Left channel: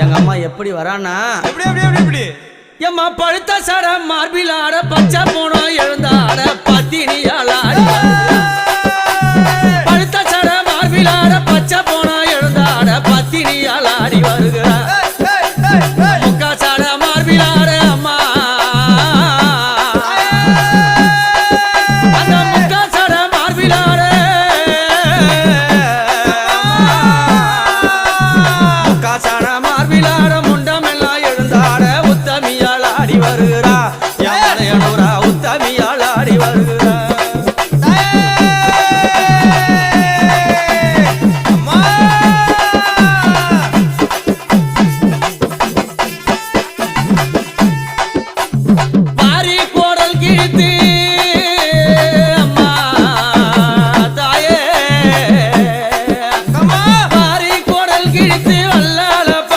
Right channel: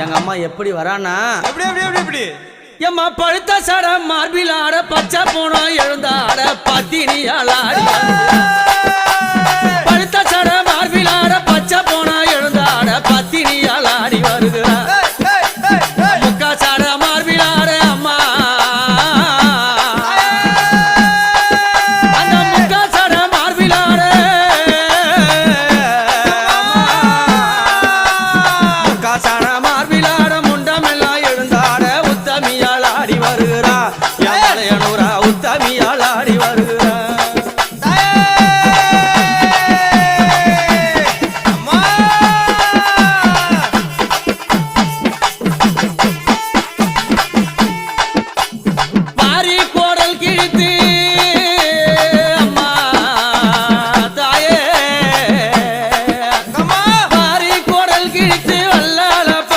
எங்க அம்மா எப்படி வரானா எப்படி எப்படி எப்படி எப்படி? எம்மா பழுத்த சட மார்பில் ஆட பச்சை போனோம் எழுந்த ஆட பத்தினியால் ஆடி. பழுத்த சட மார்பில் ஆட பச்சை போனோம் எழுந்த ஆட பத்தினியால் மார்பிலாட முண்டமெல்லாம் எழுந்தாட உத்தமியால் ஆடி வருகிறா. யாரையனூரா உத்தமியால் ஆடி வருகிறா. வாரி கோடல் கிழித்து